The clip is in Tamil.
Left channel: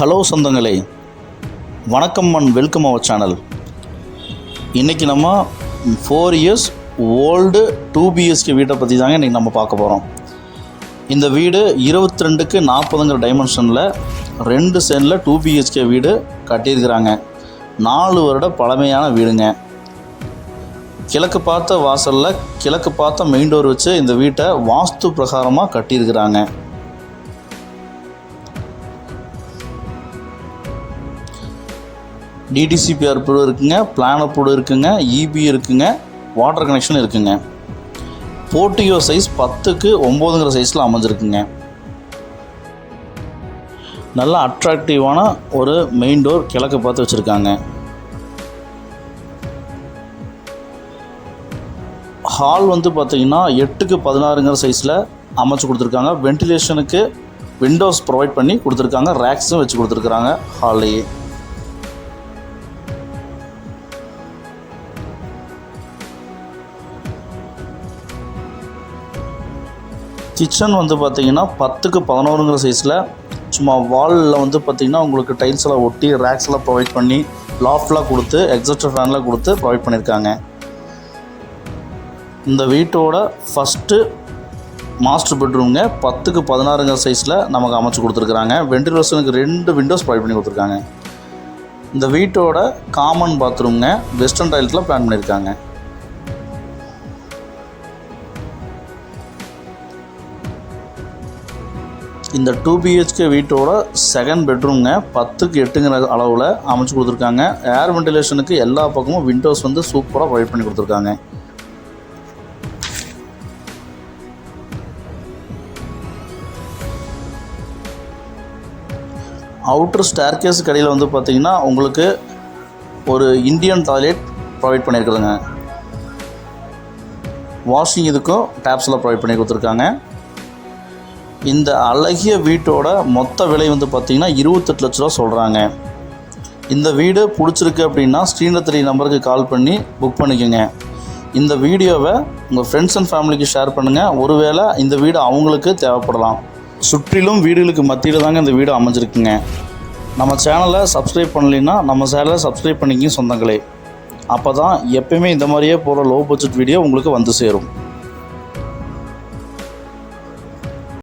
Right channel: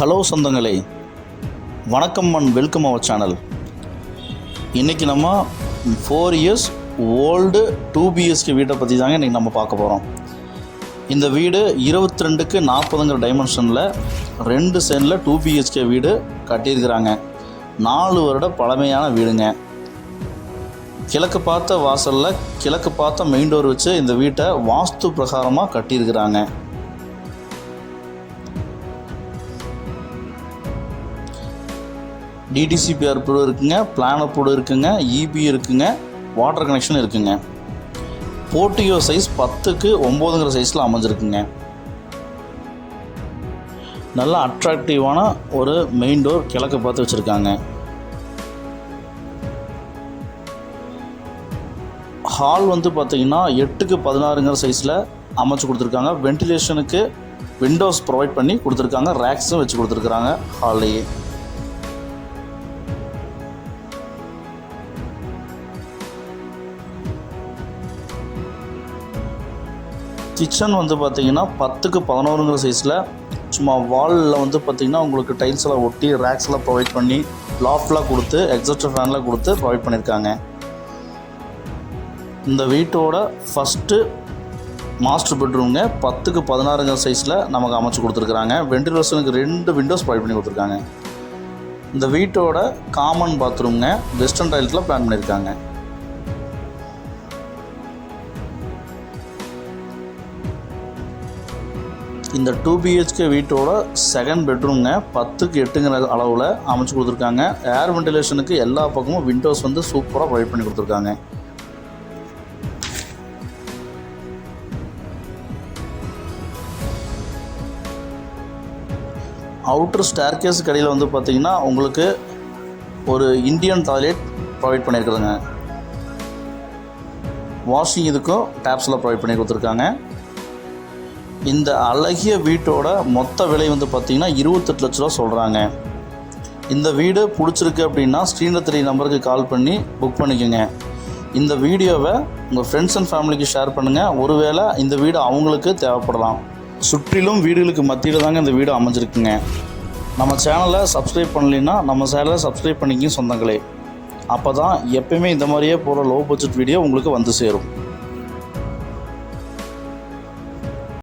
ஹலோ சொந்தங்களே, வணக்கம் அண்ட் வெல்கம் அவர் சேனல். இன்றைக்கி நம்ம 4 years ஓல்டு 2 BHK வீட்டை பற்றி தாங்க இன்றைக்கி நம்ம பார்க்க போகிறோம். இந்த வீடு 22க்கு 40ங்கிற டைமென்ஷனில் 2 சென்டில் 2 BHK வீடு கட்டியிருக்கிறாங்க. 4 வருட பழமையான வீடுங்க. கிழக்கு பார்த்த வாசலில் கிழக்கு பார்த்த மெயின் டோர் வச்சு இந்த வீட்டை வாஸ்து பிரகாரமாக கட்டியிருக்கிறாங்க. DDCP அப்ரூவ் இருக்குங்க, பிளான் அப்ரூவ் இருக்குங்க, EB இருக்குங்க, வாட்டர் கனெக்ஷன் இருக்குங்க. போர்ட்டிகோ சைஸ் 10க்கு 9ங்கிற சைஸில் அமைஞ்சிருக்குங்க. நல்ல அட்ராக்டிவான ஒரு மெயின் டோர் கிழக்கு பார்த்து வச்சுருக்காங்க. ஹால் பார்த்திங்கன்னா 8க்கு 16ங்கிற சைஸில் அமைச்சு கொடுத்துருக்காங்க. வென்டிலேஷனுக்கு விண்டோஸ் ப்ரொவைட் பண்ணி கொடுத்துருக்காங்க. ரேக்ஸும் வச்சு கொடுத்துருக்குறாங்க ஹால்லையே. கிச்சன் பார்த்திங்கன்னா 10க்கு 11ங்கிற சைஸில் சும்மா வாலில் பார்த்திங்கன்னா உங்களுக்கு டைல்ஸ் எல்லாம் ஒட்டி ரேக்ஸ் எல்லாம் ப்ரொவைட் பண்ணி லாஃப்ட்லாம் கொடுத்து எக்ஸாஸ்டர் ஃபேன்லாம் கொடுத்து ப்ரொவைட் பண்ணியிருக்காங்க. இந்த வீட்டோட ஃபஸ்ட்டு மாஸ்டர் பெட்ரூம்ங்க 10க்கு 16ங்கிற சைஸில் நமக்கு அமைச்சு கொடுத்துருக்குறாங்க. வென்டிலேஷனுக்கு 2 விண்டோஸ் ப்ரொவைட் பண்ணி கொடுத்துருக்காங்க. இந்த வீட்டோட காமன் பாத்ரூம்ங்க வெஸ்டர்ன் டைல்ஸில் பிளான் பண்ணியிருக்காங்க. இந்த 2 BHK வீட்டோட செகண்ட் பெட்ரூம்ங்க 10க்கு 8ங்கிற அளவில் அமைச்சு கொடுத்துருக்காங்க. ஏர் வென்டிலேஷனுக்கு எல்லா பக்கமும் விண்டோஸ் சூப்பராக ப்ரொவைட் பண்ணி கொடுத்துருக்காங்க. அவுட்டர் ஸ்டேர்கேஸ் கடையில் பார்த்திங்கன்னா உங்களுக்கு ஒரு இந்தியன் டாய்லெட் ப்ரொவைட் பண்ணியிருக்குதுங்க. வாஷிங் இதுக்கும் டேப்ஸில் ப்ரொவைட் பண்ணி கொடுத்துருக்காங்க. இந்த அழகிய வீட்டோட மொத்த விலை பார்த்திங்கன்னா 28 லட்ச ரூபா சொல்கிறாங்க. இந்த வீடு பிடிச்சிருக்கு அப்படின்னா ஸ்க்ரீனில் 3 நம்பருக்கு கால் பண்ணி புக் பண்ணிக்கோங்க. இந்த வீடியோவை உங்கள் ஃப்ரெண்ட்ஸ் அண்ட் ஃபேமிலிக்கு ஷேர் பண்ணுங்கள். ஒருவேளை இந்த வீடு அவங்களுக்கு தேவைப்படலாம். சுற்றிலும் வீடுகளுக்கு மத்தியில் தாங்க இந்த வீடு அமைஞ்சிருக்குங்க. நம்ம சேனலை சப்ஸ்கிரைப் பண்ணலைன்னா நம்ம சேனலை சப்ஸ்கிரைப் பண்ணிக்கிங்க சொந்தங்களே. அப்போ தான் எப்பயுமே இந்த மாதிரியே போகிற லோ பட்ஜெட் வீடியோ உங்களுக்கு சேரும்.